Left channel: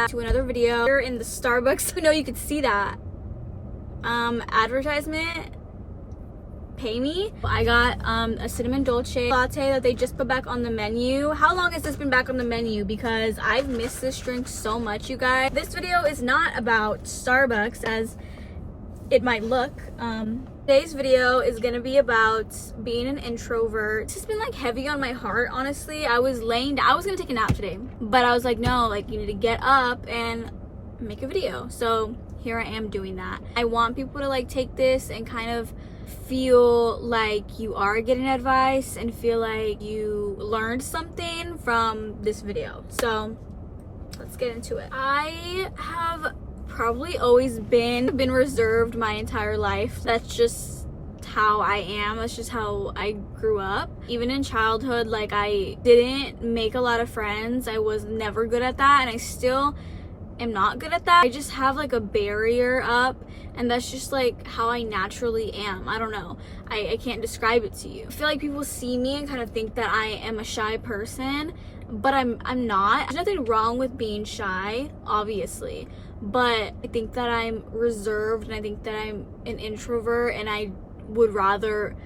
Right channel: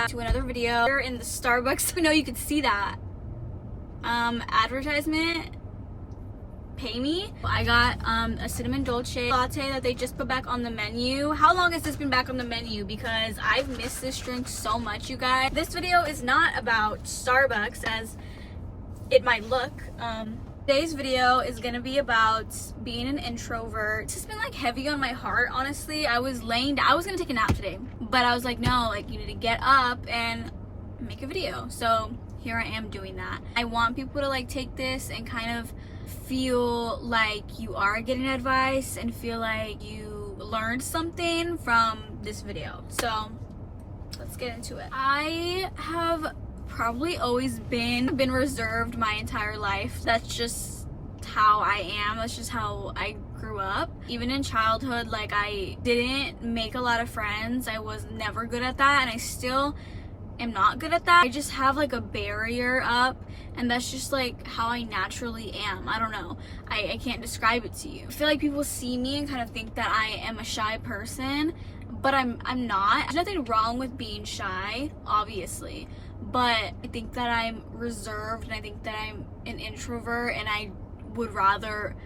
back to another video. We're in the Starbucks. I know you could see that. Advertisement. Pay me. I got a cinnamon dolce latte that they just put back on the menu. How long has this been back on the menu? Because I've missed this drink so much, you guys. This video is not about Starbucks as it might look. Today's video is gonna be about being an introvert. It's just been like heavy on my heart, honestly. I was gonna take a nap today, but I was like, no, like you need to get up and make a video. So here I am doing that. I want people to like take this and kind of feel like you are getting advice and feel like you learned something from this video. So let's get into it. I have probably always been reserved my entire life. That's just how I am. That's just how I grew up. Even in childhood, like I didn't make a lot of friends. I was never good at that, and I still am not good at that. I just have like a barrier up, and that's just like how I naturally am. I don't know. I can't describe it to you. I feel like people see me and kind of think that I am a shy person, but I'm not. There's nothing wrong with being shy, obviously, but I think that I'm reserved, and I think that I'm an introvert, and I would rather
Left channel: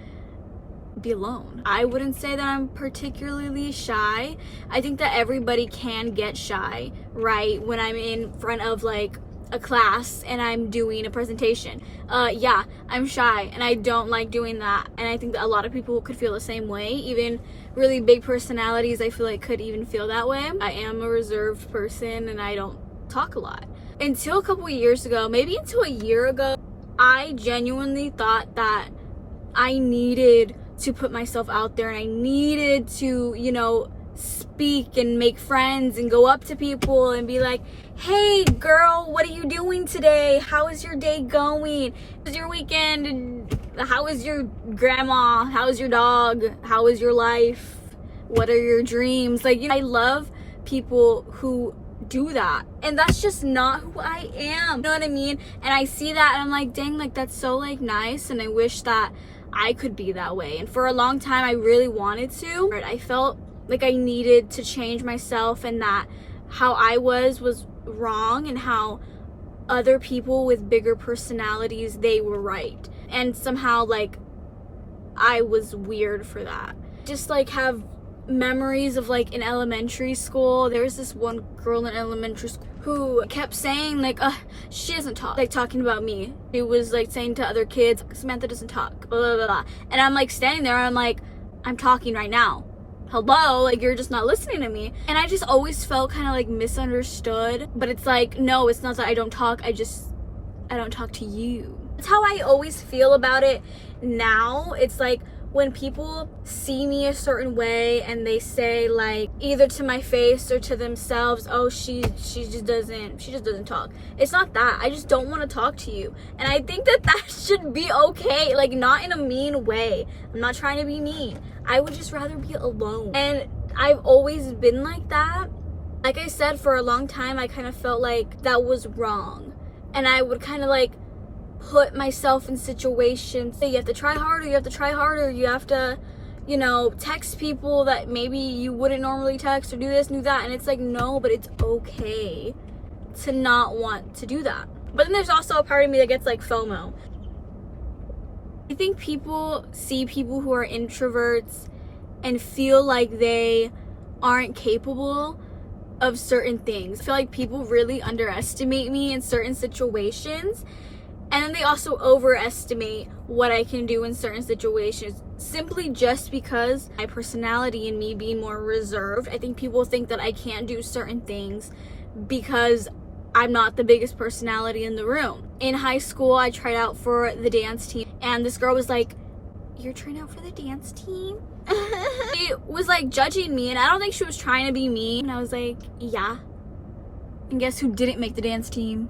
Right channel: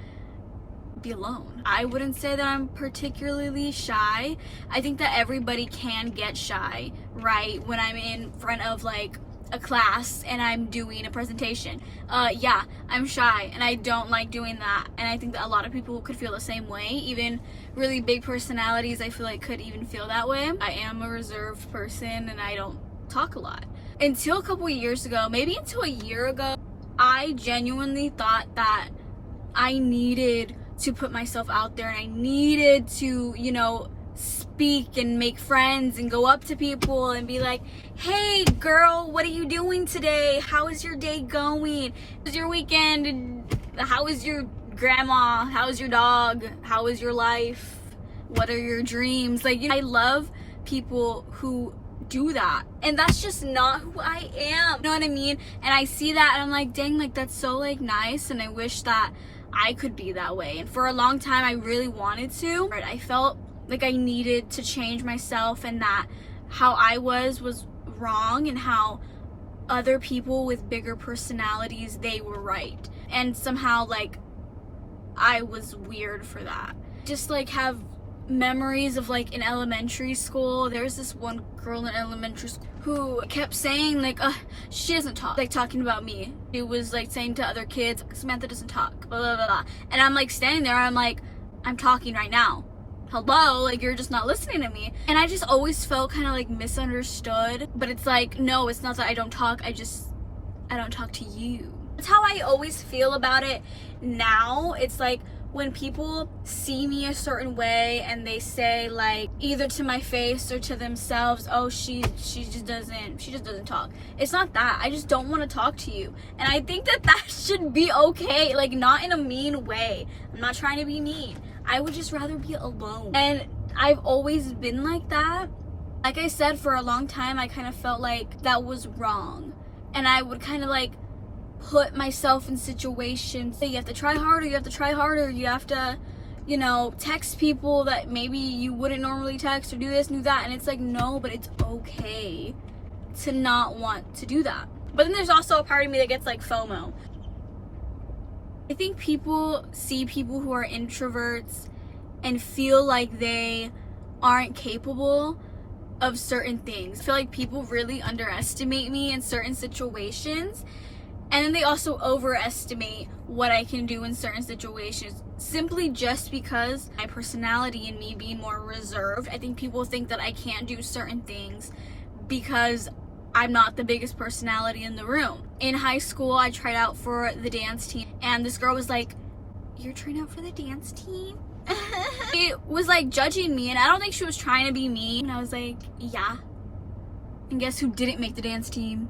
be alone. I wouldn't say that I'm particularly shy. I think that everybody can get shy, right? When I'm in front of like a class and I'm doing a presentation. Yeah, I'm shy and I don't like doing that. And I think that a lot of people could feel the same way. Even really big personalities, I feel like could even feel that way. I am a reserved person and I don't talk a lot. Until a couple years ago, maybe until a year ago, I genuinely thought that I needed to put myself out there and I needed to, you know, speak and make friends and go up to people and be like, hey girl, what are you doing today? How is your day going? How was your weekend? How is your grandma? How is your dog? How is your life? What are your dreams? Like, you know, I love people who do that, and that's just not who I am. You know what I mean? And I see that and I'm like, dang, like that's so like nice, and I wish that I could be that way. And for a long time I really wanted to. I felt like I needed to change myself, and that how I was wrong, and how other people with bigger personalities, they were right. And somehow like I was weird for that. Just like have memories of like in elementary school, there's this one girl in elementary school who kept saying like, she doesn't talk, like talking about me. She was like saying to other kids, Samantha doesn't talk, blah, blah, blah, blah. And I'm like standing there and I'm like, I'm talking right now. Hello, like you're just not listening to me. And I just always felt kind of like misunderstood. But it's like, no, it's not that I don't talk, I don't talk to you. That's how I always feel about it now. It's like when people see me a certain way and they say like either to my face or to themselves, oh, she just doesn't talk. It's not that. I just don't want to talk to you. And I think that should be okay, like not in a mean way. I'm not trying to be mean. I would just rather be alone. And I've always been like that. Like I said, for a long time I kind of felt like that was wrong. And I would kind of like put myself in situations. So you have to try harder, you have to, you know, text people that maybe you wouldn't normally text, or do this and do that. And it's like, no, but it's okay to not want to do that. But then there's also a part of me that gets like FOMO. I think people see people who are introverts and feel like they aren't capable of certain things. I feel like people really underestimate me in certain situations. And then they also overestimate what I can do in certain situations, simply just because my personality and me being more reserved. I think people think that I can't do certain things because I'm not the biggest personality in the room. In high school, I tried out for the dance team, and this girl was like, you're trying out for the dance team? She was like judging me, and I don't think she was trying to be mean. And I was like, yeah. And guess who didn't make the dance team?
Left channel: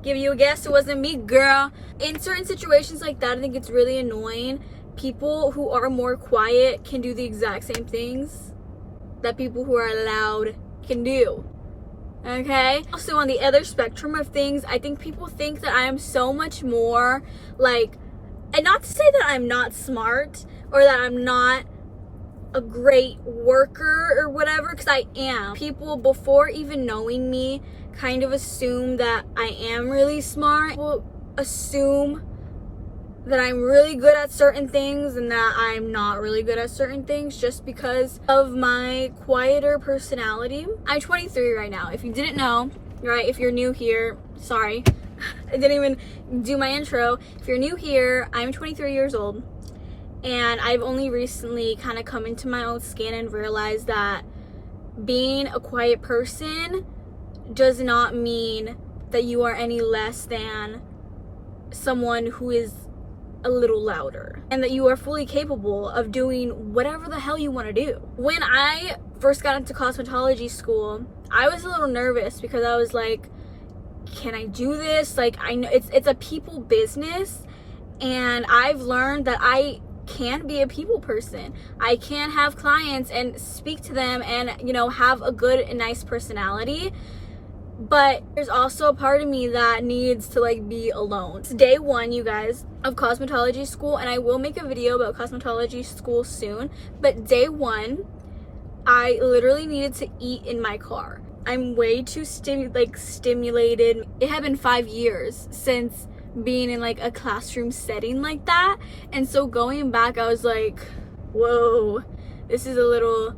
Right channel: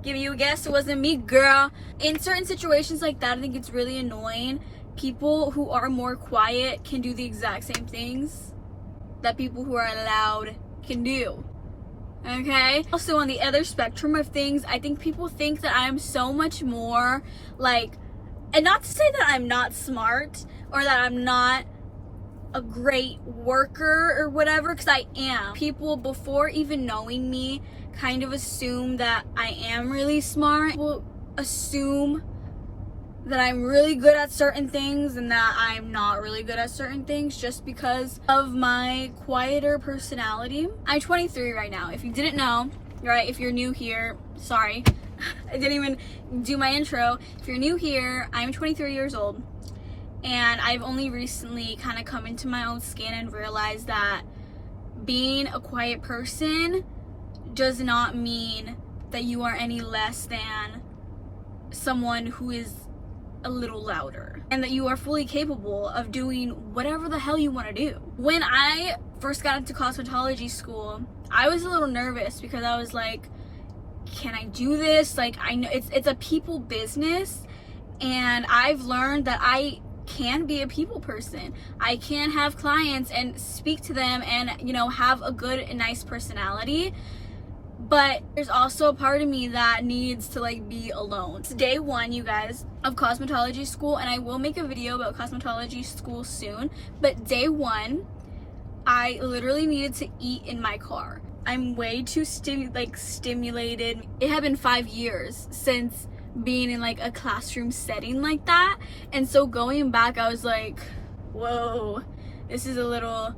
Give you a guess, it wasn't me, girl. In certain situations like that, I think it's really annoying. People who are more quiet can do the exact same things that people who are loud can do. Okay? Also, on the other spectrum of things, I think people think that I am so much more like, and not to say that I'm not smart or that I'm not a great worker or whatever, because I am. People, before even knowing me, kind of assume that I am really smart. People assume that I'm really good at certain things and that I'm not really good at certain things just because of my quieter personality. I'm 23 right now. If you didn't know, right, if you're new here, sorry, I didn't even do my intro. If you're new here, I'm 23 years old, and I've only recently kind of come into my own skin and realized that being a quiet person does not mean that you are any less than someone who is a little louder, and that you are fully capable of doing whatever the hell you want to do. When I first got into cosmetology school, I was a little nervous because I was like, can I do this? Like, I know it's a people business, and I've learned that I can be a people person. I can have clients and speak to them and, you know, have a good and nice personality. But there's also a part of me that needs to like be alone. It's day one, you guys, of cosmetology school, and I will make a video about cosmetology school soon. But day one, I literally needed to eat in my car. I'm way too stimulated. It had been 5 years since being in like a classroom setting like that, and so going back, I was like, whoa, this is a little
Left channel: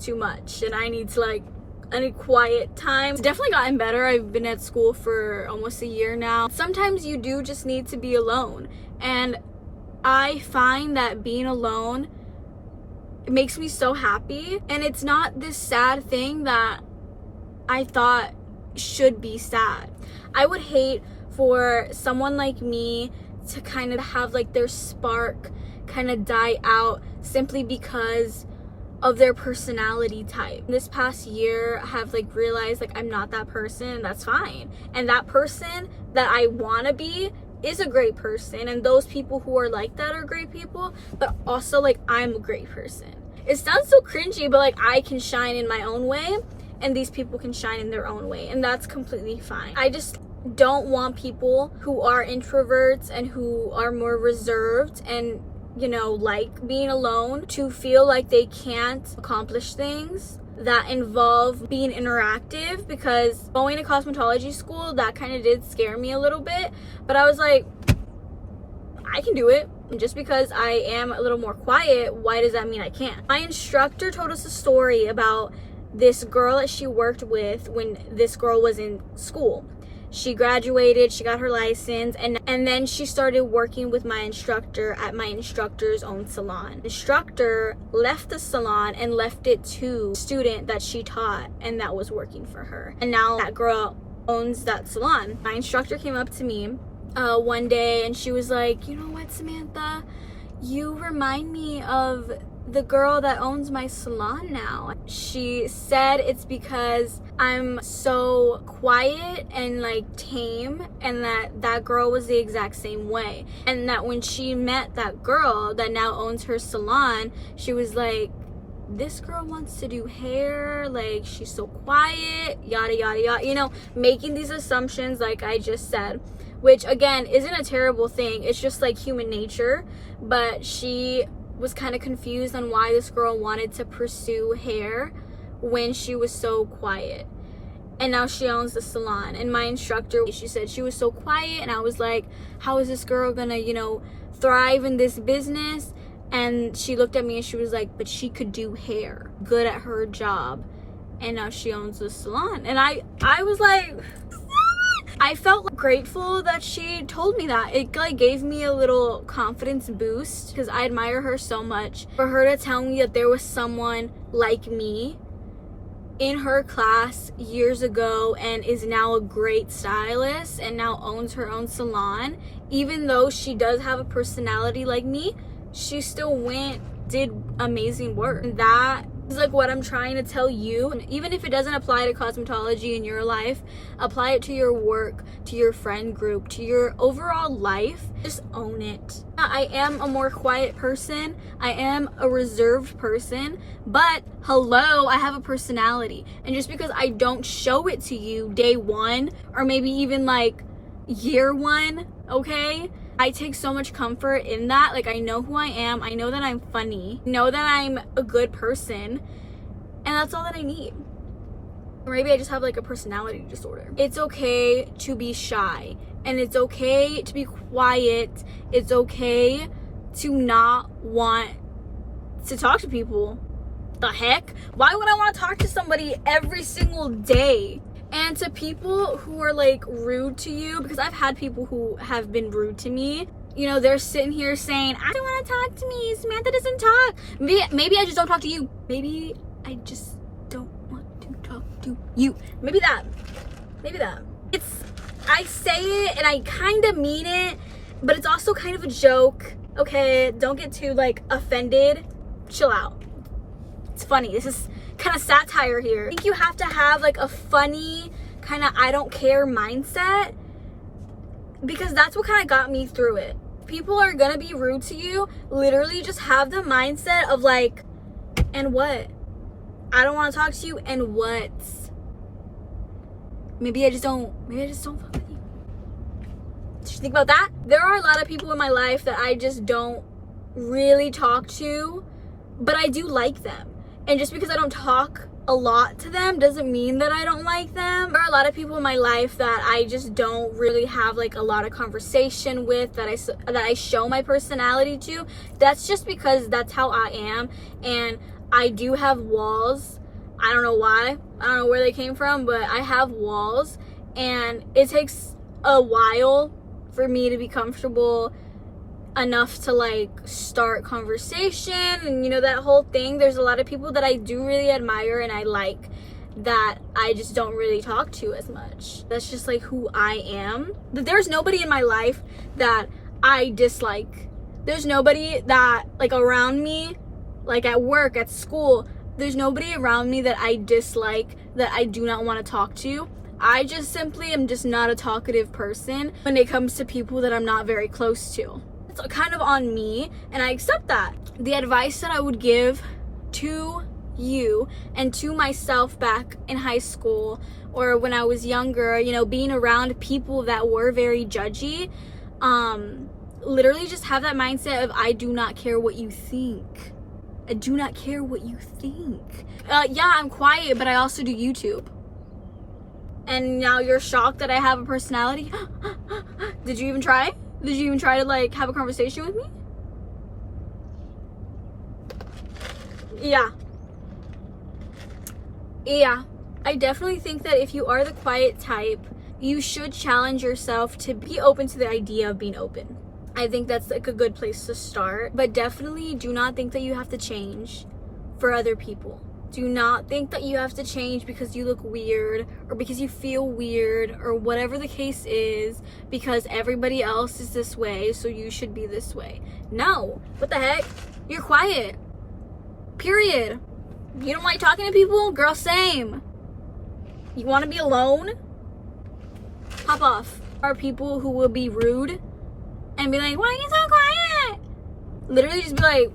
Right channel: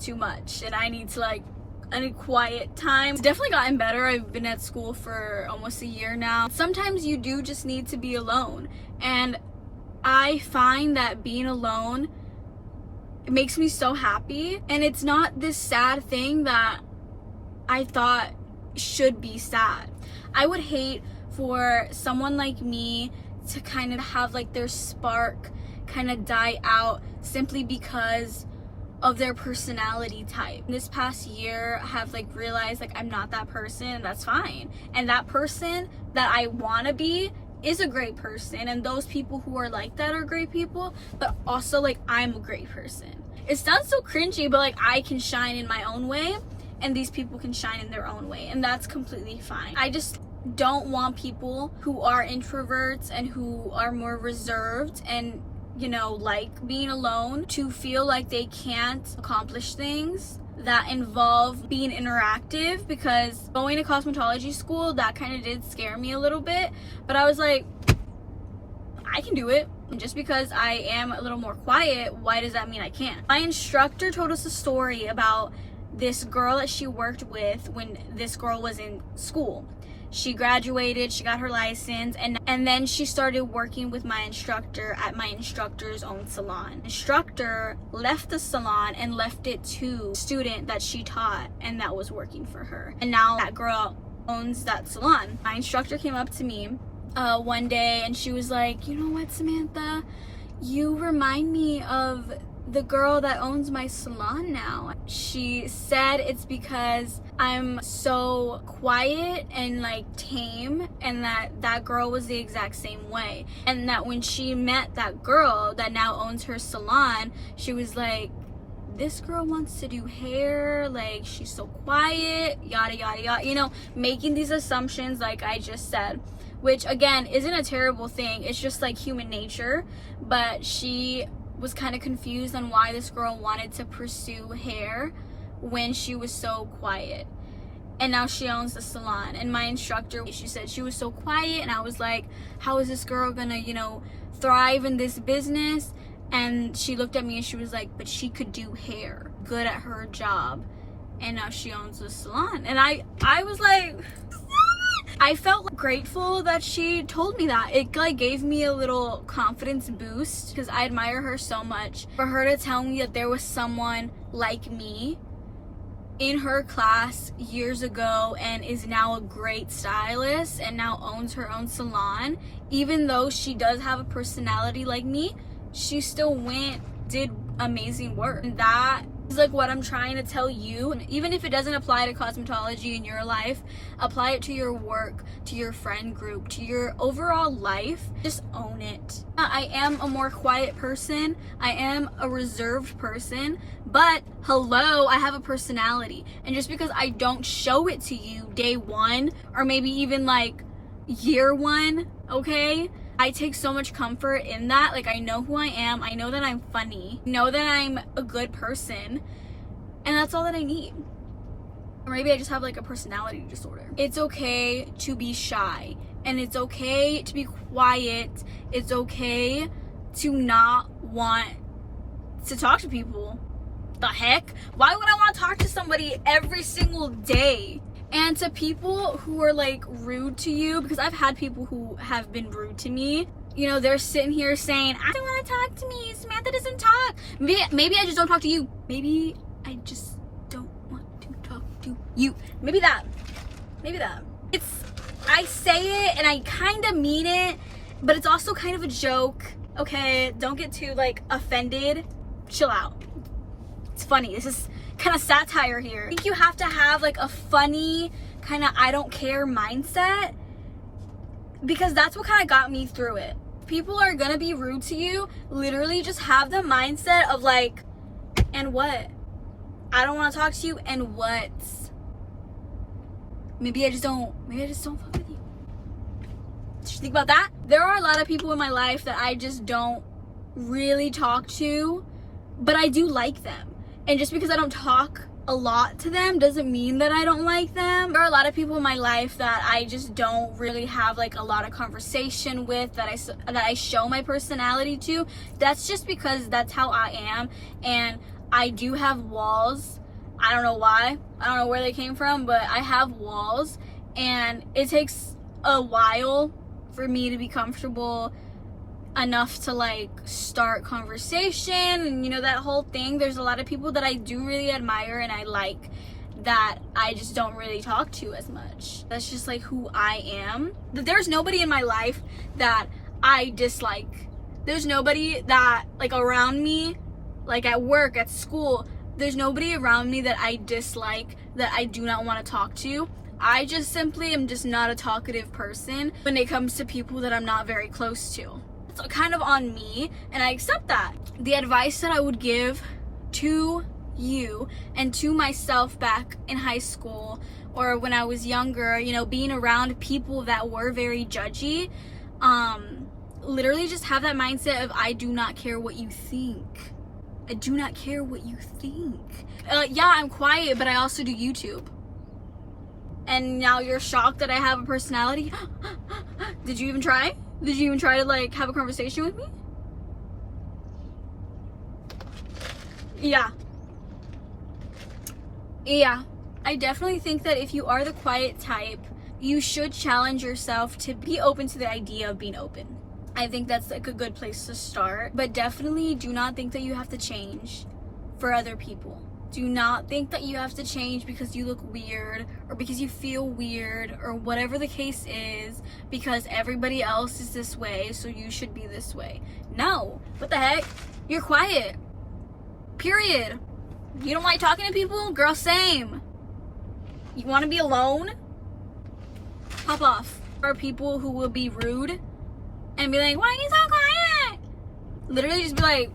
too much, and I need to like a quiet time. It's definitely gotten better. I've been at school for almost a year now. Sometimes you do just need to be alone, and I find that being alone, it makes me so happy, and it's not this sad thing that I thought should be sad. I would hate for someone like me to kind of have like their spark kind of die out simply because of their personality type. This past year, I have like realized like I'm not that person, and that's fine. And that person that I want to be is a great person, and those people who are like that are great people, but also like I'm a great person. It sounds so cringy, but like I can shine in my own way, and these people can shine in their own way, and that's completely fine. I just don't want people who are introverts and who are more reserved and, you know, like being alone to feel like they can't accomplish things that involve being interactive, because going to cosmetology school, that kind of did scare me a little bit, but I was like, I can do it. And just because I am a little more quiet, why does that mean I can't? My instructor told us a story about this girl that she worked with when this girl was in school. She graduated, she got her license, and then she started working with my instructor at my instructor's own salon. The instructor left the salon and left it to a student that she taught, and that was working for her. And now that girl owns that salon. My instructor came up to me one day, and she was like, you know what, Samantha? You remind me of the girl that owns my salon now. She said it's because I'm so quiet and like tame, and that girl was the exact same way, and that when she met that girl that now owns her salon, she was like, this girl wants to do hair, like she's so quiet, yada yada yada, you know, making these assumptions like I just said, which again isn't a terrible thing, it's just like human nature. But she was kind of confused on why this girl wanted to pursue hair when she was so quiet. And now she owns the salon. And my instructor, she said she was so quiet, and I was like, how is this girl gonna, you know, thrive in this business? And she looked at me and she was like, but she could do hair, good at her job, and now she owns the salon. And I was like, I felt grateful that she told me that. It like gave me a little confidence boost, because I admire her so much. For her to tell me that there was someone like me in her class years ago and is now a great stylist and now owns her own salon, even though she does have a personality like me, she still did amazing work. And that is like what I'm trying to tell you. And even if it doesn't apply to cosmetology in your life, apply it to your work, to your friend group, to your overall life. Just own it. I am a more quiet person. I am a reserved person, but hello, I have a personality. And just because I don't show it to you day one, or maybe even like year one, okay, I take so much comfort in that. Like, I know who I am. I know that I'm funny. I know that I'm a good person. And that's all that I need. Or maybe I just have like a personality disorder. It's okay to be shy. And it's okay to be quiet. It's okay to not want to talk to people. The heck? Why would I want to talk to somebody every single day? And to people who are like rude to you, because I've had people who have been rude to me. You know, they're sitting here saying, I don't want to talk to me. Samantha doesn't talk. Maybe I just don't talk to you. Maybe I just don't want to talk to you. Maybe that. I say it and I kind of mean it, but it's also kind of a joke. Okay, don't get too like offended. Chill out. It's funny. This is kind of satire here. I think you have to have like a funny kind of I don't care mindset, because that's what kind of got me through it. People are gonna be rude to you. Literally just have the mindset of like, and what? I don't want to talk to you, and what? Maybe I just don't fuck with you. Just think about that. There are a lot of people in my life that I just don't really talk to, but I do like them. And just because I don't talk a lot to them doesn't mean that I don't like them. There are a lot of people in my life that I just don't really have like a lot of conversation with, that I show my personality to. That's just because that's how I am, and I do have walls. I don't know why. I don't know where they came from, but I have walls, and it takes a while for me to be comfortable enough to like start conversation and, you know, that whole thing. There's a lot of people that I do really admire and I like that I just don't really talk to as much. That's just like who I am. There's nobody in my life that I dislike. There's nobody that like around me, like at work, at school, there's nobody around me that I dislike, that I do not want to talk to. I just simply am just not a talkative person when it comes to people that I'm not very close to. It's kind of on me, and I accept that. The advice that I would give to you and to myself back in high school or when I was younger, you know, being around people that were very judgy, literally just have that mindset of I do not care what you think. I do not care what you think. Yeah, I'm quiet, but I also do YouTube. And now you're shocked that I have a personality? Did you even try? Did you even try to like have a conversation with me? Yeah. I definitely think that if you are the quiet type, you should challenge yourself to be open to the idea of being open. I think that's like a good place to start. But definitely do not think that you have to change for other people. Do not think that you have to change because you look weird or because you feel weird or whatever the case is, because everybody else is this way, so you should be this way. No. What the heck? You're quiet. Period. You don't like talking to people? Girl, same. You want to be alone? Hop off. There are people who will be rude and be like, why are you so quiet? Literally just be like,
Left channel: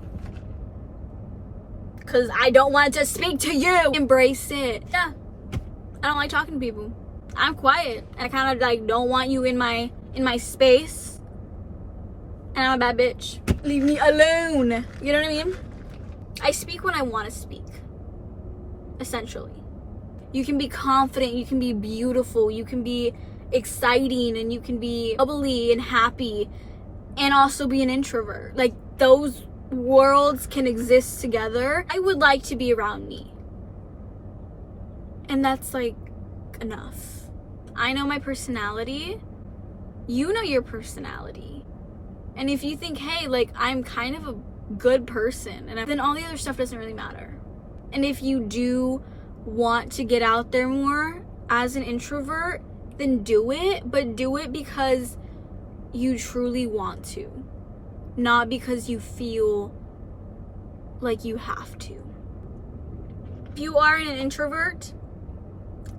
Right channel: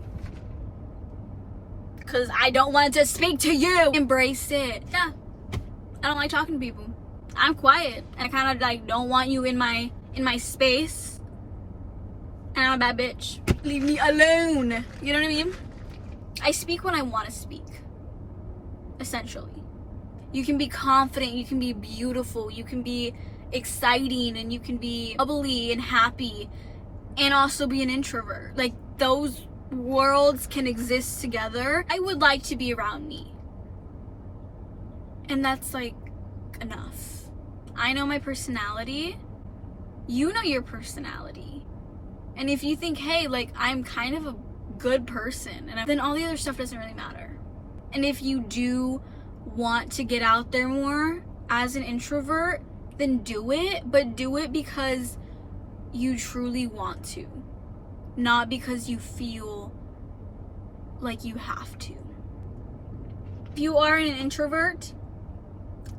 because I don't want to speak to you. Embrace it. Yeah. I don't like talking to people. I'm quiet. And I kind of like don't want you in my space. And I'm a bad bitch. Leave me alone. You know what I mean? I speak when I want to speak. Essentially. You can be confident. You can be beautiful. You can be exciting. And you can be bubbly and happy. And also be an introvert. Like those worlds can exist together. I would like to be around me. And that's like enough. I know my personality. You know your personality. And if you think, hey, like I'm kind of a good person, and then all the other stuff doesn't really matter. And if you do want to get out there more as an introvert, then do it, but do it because you truly want to. Not because you feel like you have to. If you are an introvert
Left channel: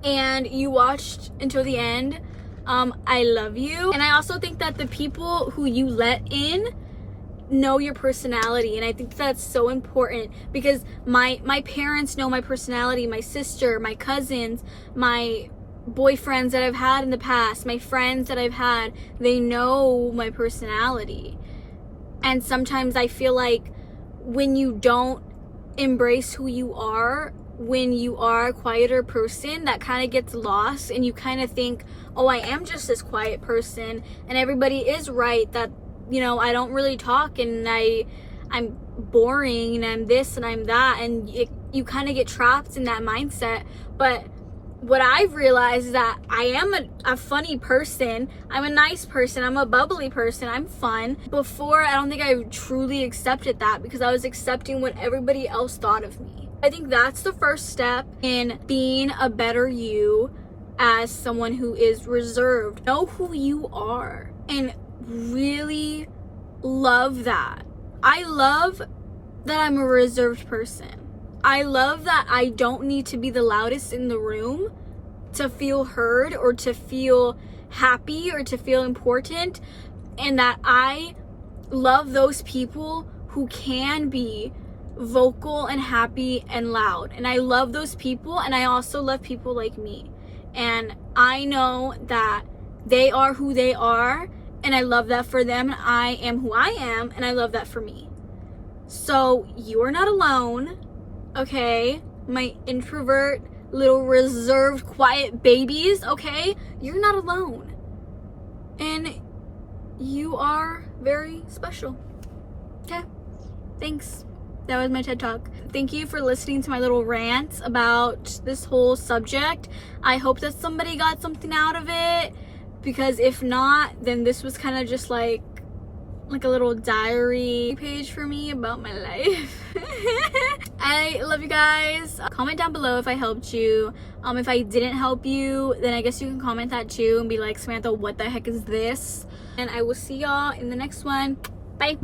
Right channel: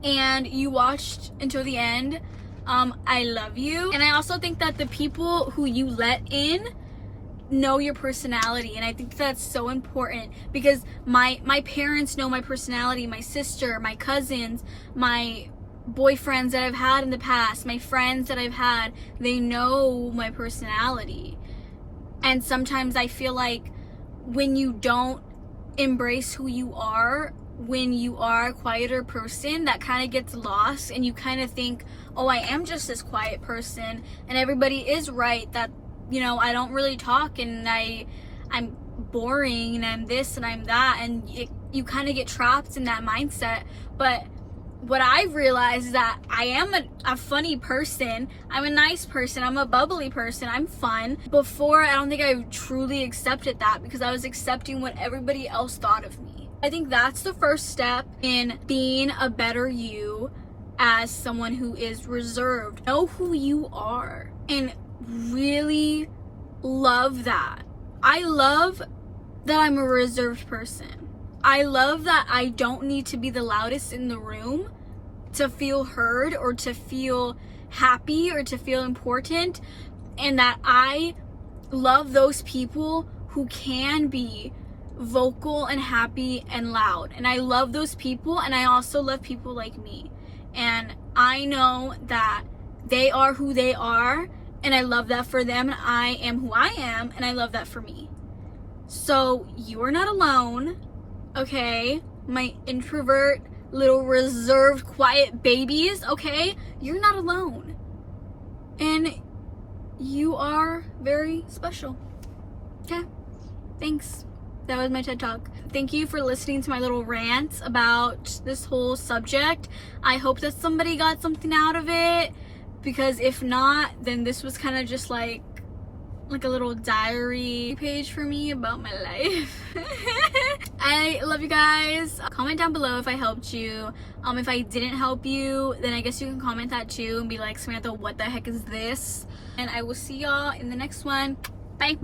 and you watched until the end, I love you. And I also think that the people who you let in know your personality, and I think that's so important because my parents know my personality, my sister, my cousins, my boyfriends that I've had in the past, my friends that I've had, they know my personality. And sometimes I feel like when you don't embrace who you are, when you are a quieter person, that kind of gets lost, and you kind of think, oh, I am just this quiet person, and everybody is right that, you know, I don't really talk, and I'm boring, and I'm this and I'm that, and you kind of get trapped in that mindset. But what I've realized is that I am a funny person. I'm a nice person. I'm a bubbly person. I'm fun. Before, I don't think I truly accepted that, because I was accepting what everybody else thought of me. I think that's the first step in being a better you as someone who is reserved. Know who you are and really love that. I love that I'm a reserved person. I love that I don't need to be the loudest in the room to feel heard or to feel happy or to feel important, and that I love those people who can be vocal and happy and loud. And I love those people, and I also love people like me. And I know that they are who they are, and I love that for them, and I am who I am, and I love that for me. So you are not alone, okay? My introvert, little reserved, quiet babies, okay? You're not alone. And you are very special. Okay? Thanks. That was my TED Talk. Thank you for listening to my little rant about this whole subject. I hope that somebody got something out of it, because if not, then this was kind of just like a little diary page for me about my life. I love you guys. Comment down below if I helped you. If I didn't help you, then I guess you can comment that too and be like, Samantha, what the heck is this? And I will see y'all in the next one. Bye.